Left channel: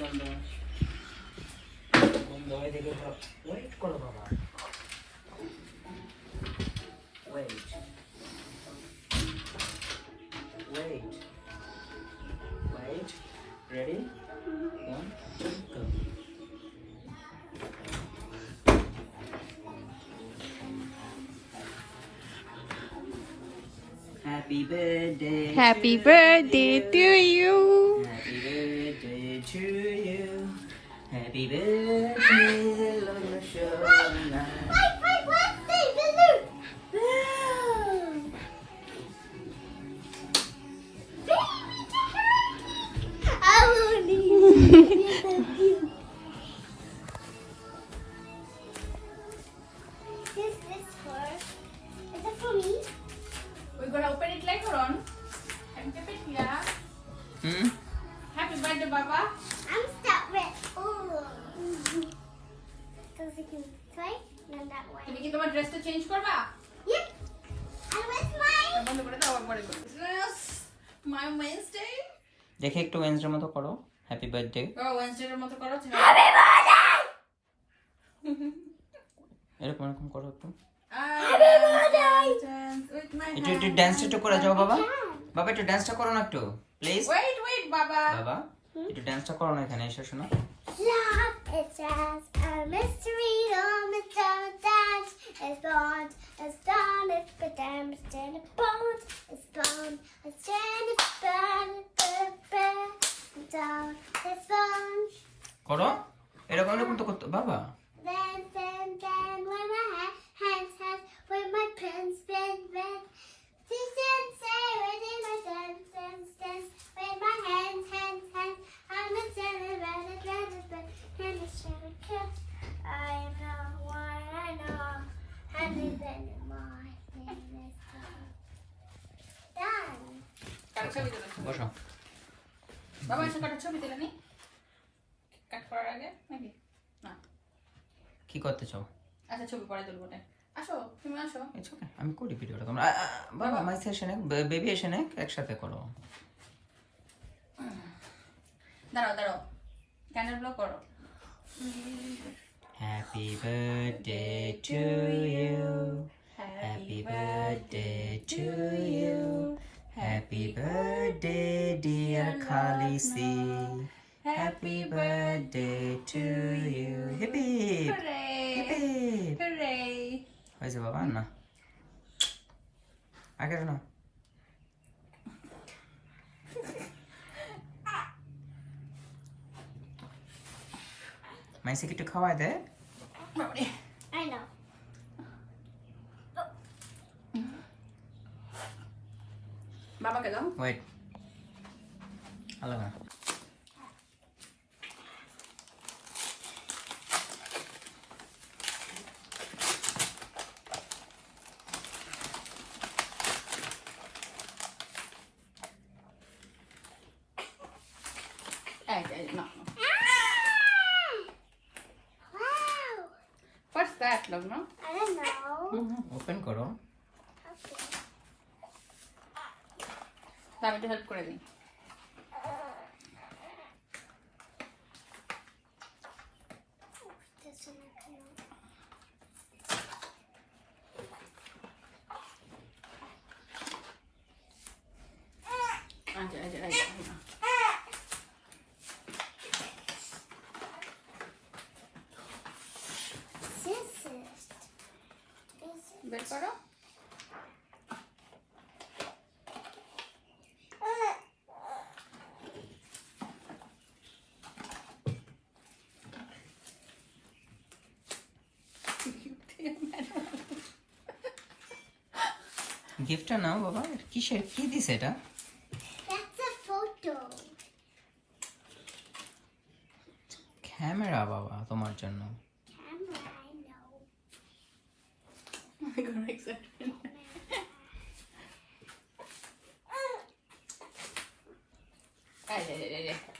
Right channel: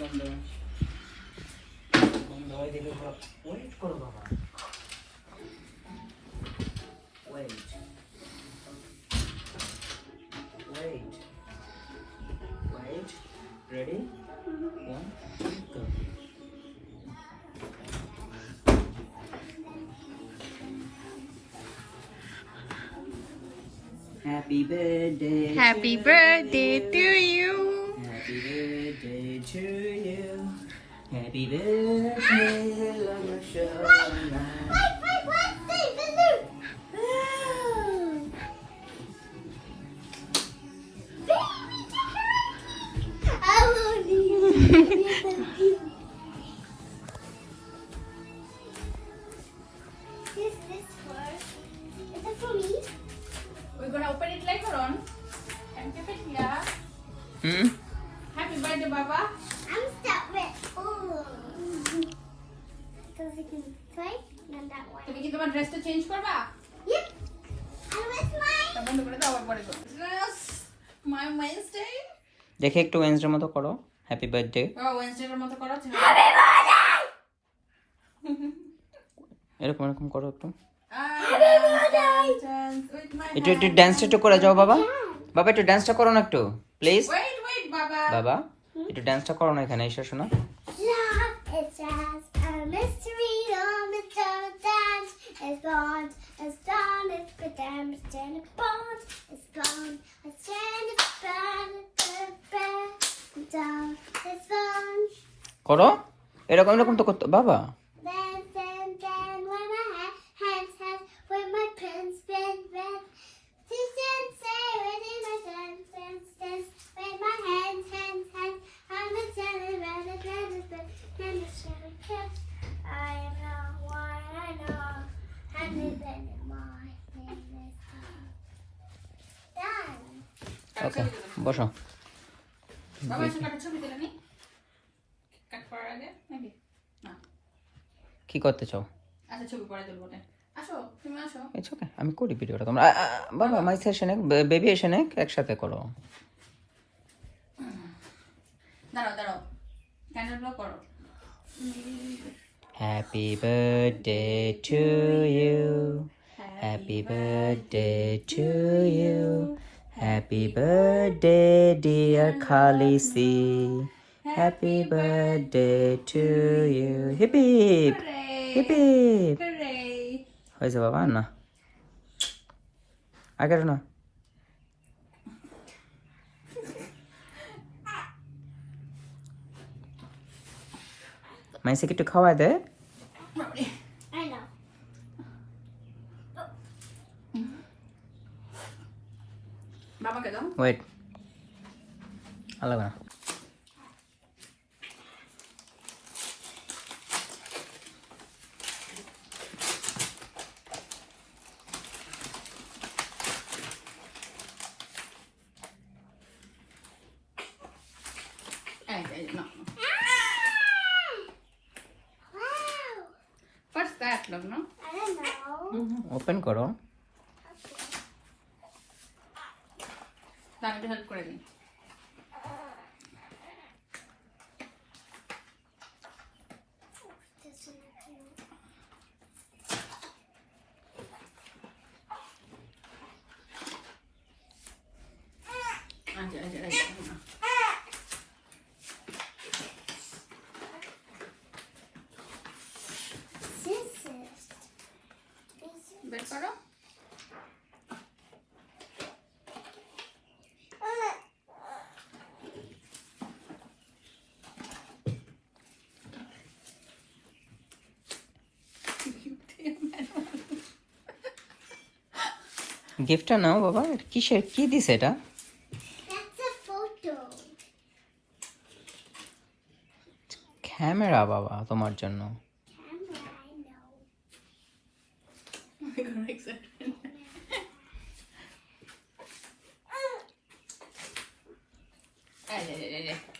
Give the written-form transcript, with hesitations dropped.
বন্ধ বন্ধ হয়ে দেখে ওয়েট করো বাবা wait wait wait ready 1 2 go happy birthday Happy birthday to you. happy birthday to you happy birthday Shona We're gonna open it later on. And keep it here. Happy birthday, Baba. I'm stuck with because we can play and that way. তুমি কি তোমার ড্রেসটা চেঞ্জ করবা? Yep. And with mine. বন্ধ করে দাও আবার পরে করো। Yes, my Wednesday. দেখে একটু ওয়েন্সডে মতো করো হ্যাপি বার্থডে Wednesday এর মতো করো। Happy birthday! এরকম এরকম করো একটু Happy birthday! With my একটু একটু ডান্সটা একটু করে যাও বাবা বাবা একটু ডান্সটা করো না একটু প্লিজ Wait, Baba. বাবা একটু ডান্সটা করো না এখানে এসে শোনো Love is just a mystery, don't dance. It's gone, it's done, it's the damage, and it's gone, it's gone, it's gone, it's gone, it's down, it's gone. করো এরকম এরকম তো করতে বাবা Then, when my hands, with my pins, spin, say, with my dance, with my hands, I'm a gentleman, and a silly kid. I know what I know, and then my business done. ওকে বসো বাবা এসে কাটা ছবি দিলে নি কাট করার আগে নাকি না কি করতে চাও আচ্ছা ছবি পরে তুলবো না আসো তুমি আসো ইটস ওকে আমি করি ভিডিওটা তোমরা বাবা মাই সেশন বেবি এসে নে একসাথে করো দাঁড়াও ক্যান্ডেল ব্লো করো Happy birthday to you Happy birthday to you Happy birthday dear Khalisi Happy birthday to you Hip hip Hip hip Hooray! হয়েছে বাবা না আগে না মাইসিকে একটু খাওয়াই দে I know. বাবাকে দাও ওয়েট আলাদা No. Wow. What's that, love, no? I don't know. Open করো তাহলে হেল্প করে দিই This one I can scissors. বের করো গিফটটা নাও বাবা কিসের কি দিছে এটা That's a photo. ক্যামেরা বাবা তোমার জন্য Camera, I know. এই